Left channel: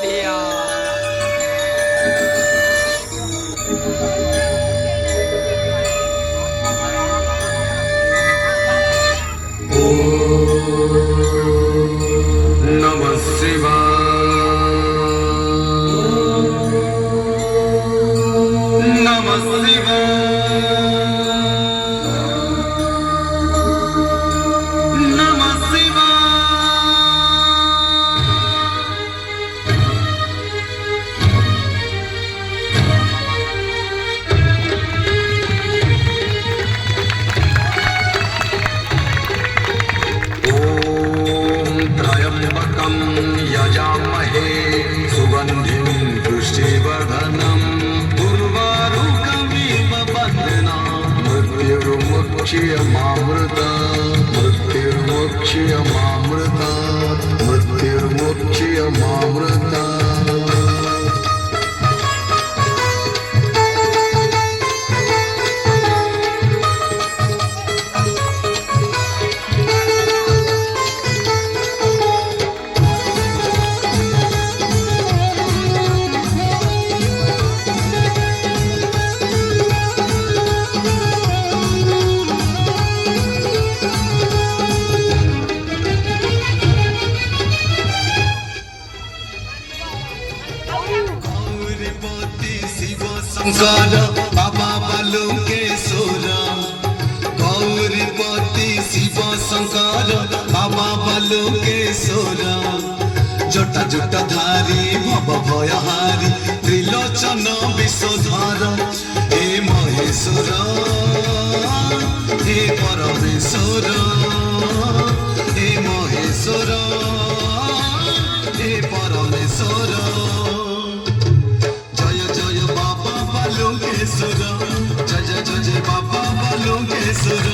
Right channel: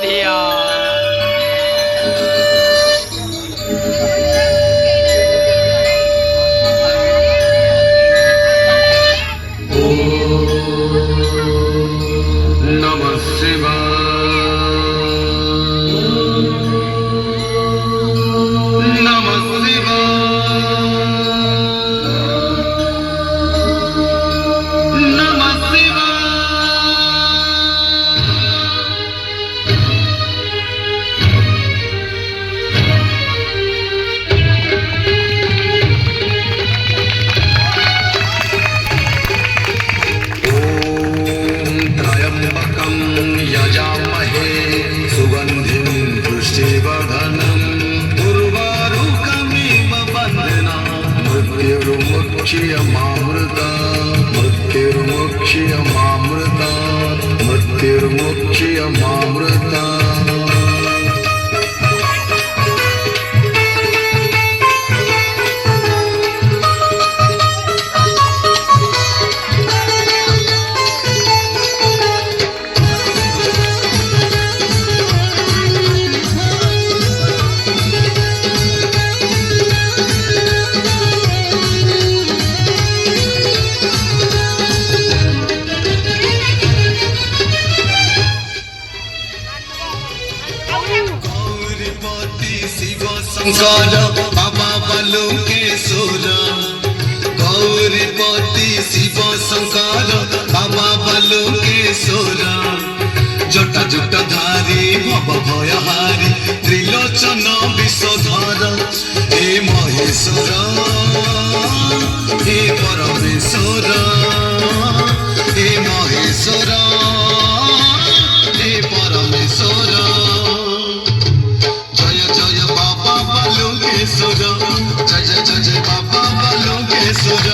धिया। नमः शिवाय नमः शिवाय नमः शिवाय। त्र्यम्बकं यजामहे सुगन्धिं पुष्टिवर्धनम् उर्वारुकमिव बन्धनान् मृत्युर्मुक्ष्यमामृता। गौर बाबा बलुकेश्वर गौरीपति शिव शंकर बाबा बलुकेश्वर जटा जटा धारी भव भयहारी त्रिलोचन विषधर हे महेश्वर हे परमेश्वर हे महेश्वर हे परमेश्वर। जय जय जय बाबा बलुकेश्वर।